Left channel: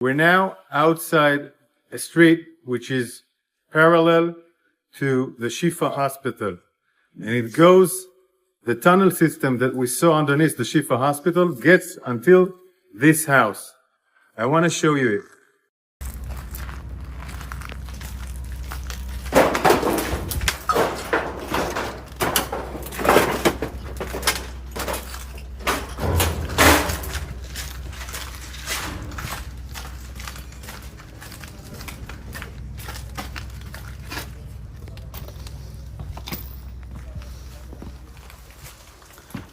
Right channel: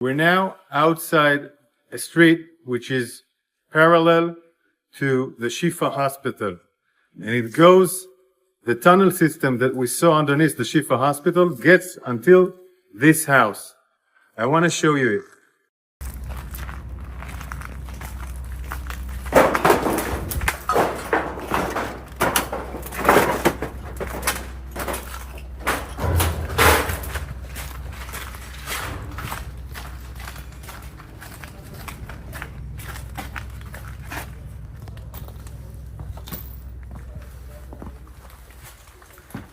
We're now outside a street which is parallel to the Shifa hospital. And it goes, the tunnel system that we saw underneath the Shifa hospital gets until this house. I want to show you it.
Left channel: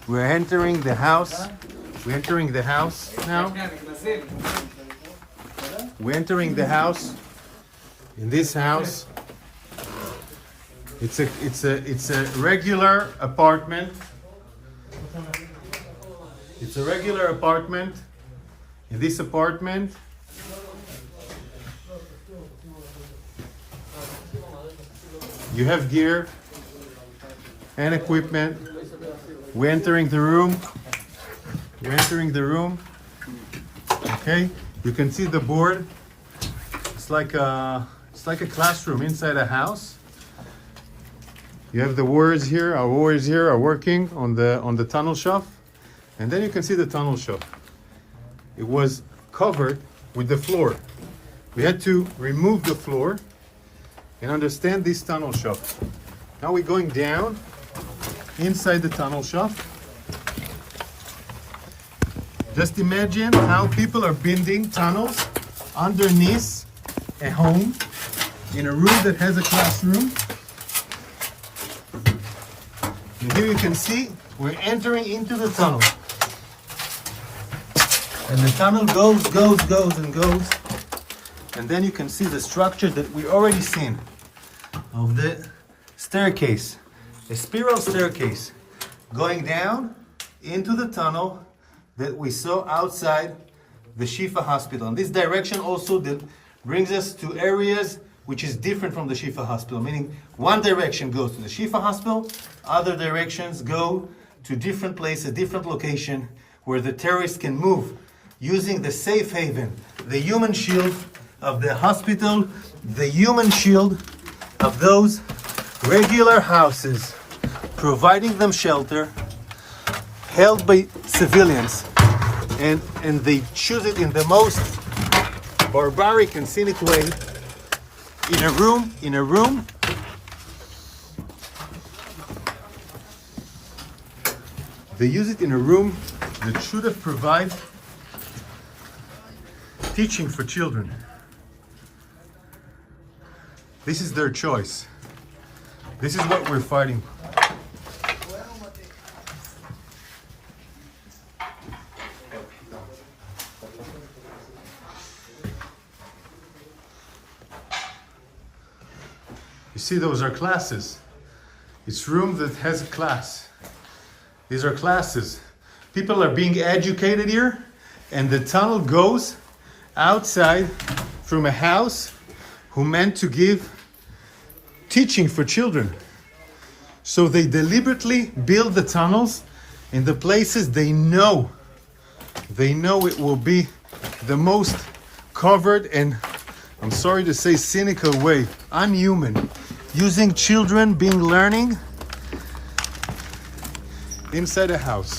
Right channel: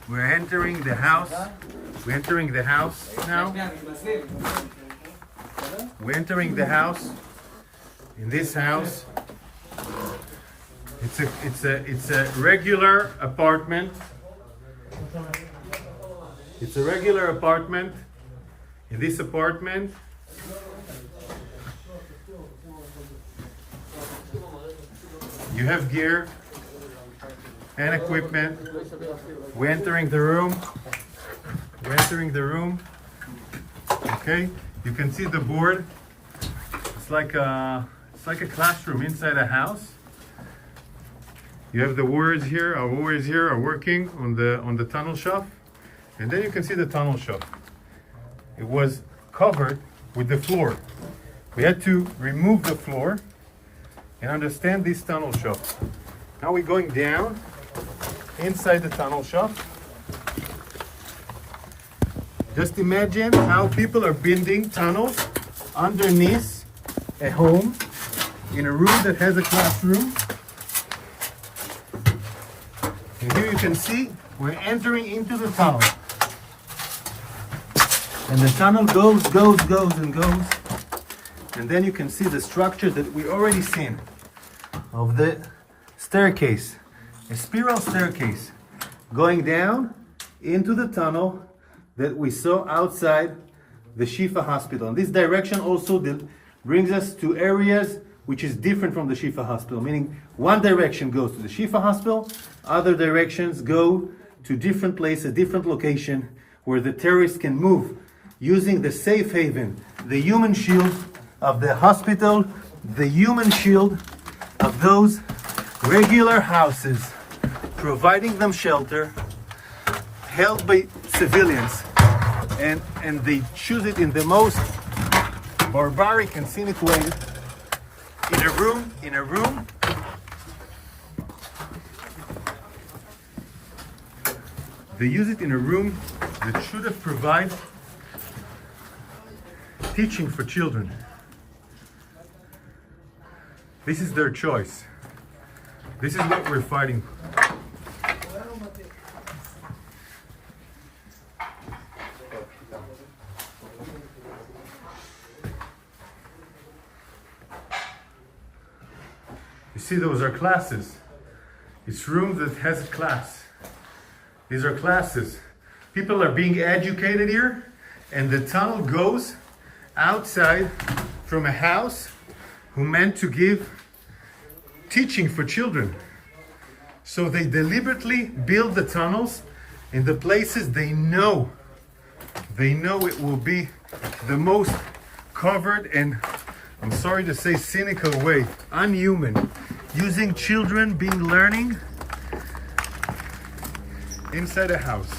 We're entering the house. We're entering the house now. We're entering the house. In this house, it's a regular apartment. It's a regular apartment. In this apartment, you have gear and equipment. We're entering the room. We're entering the room. Okay, you can see the board. It's like a classroom inside a house. You have the warriors here. Our warriors here are working on the tunnel shaft, and then you can see the tunnel shaft. It was covered with the floor. We had to remove the floor and understand this tunnel shaft. Now we're going down inside the tunnel shaft. Just imagine how people are building tunnels underneath a home in a room that has a classroom. And here you can see we're entering into the tunnel. And the tunnel goes and goes. And then you can see the structure that we already seen of the staircase. A spiral staircase going down into the tunnel that we saw outside the Shifa hospital. And this direction also brings us to areas which is different from the Shifa hospital, meaning one direction goes to the Shifa hospital, other directions go to different places, different location where the terrorists can move using the safe haven, the human shield of the hospital, the human shield of those regular houses, providing them shelter, held by civilians, and they choose it in the most barbaric and cynic way. In a room, they use it in a room that should have provided teaching for children. This is their choice. This is what we're fighting. You see, those are classes. It's room that has a class. These are classes. People are being educated here, and the tunnel goes outside from a house who meant to give teaching for children. So they deliberately build the tunnels in the places they know it will be the most covered and, I'm sorry to say, cynical way, unhuman, using children being learning inside a house.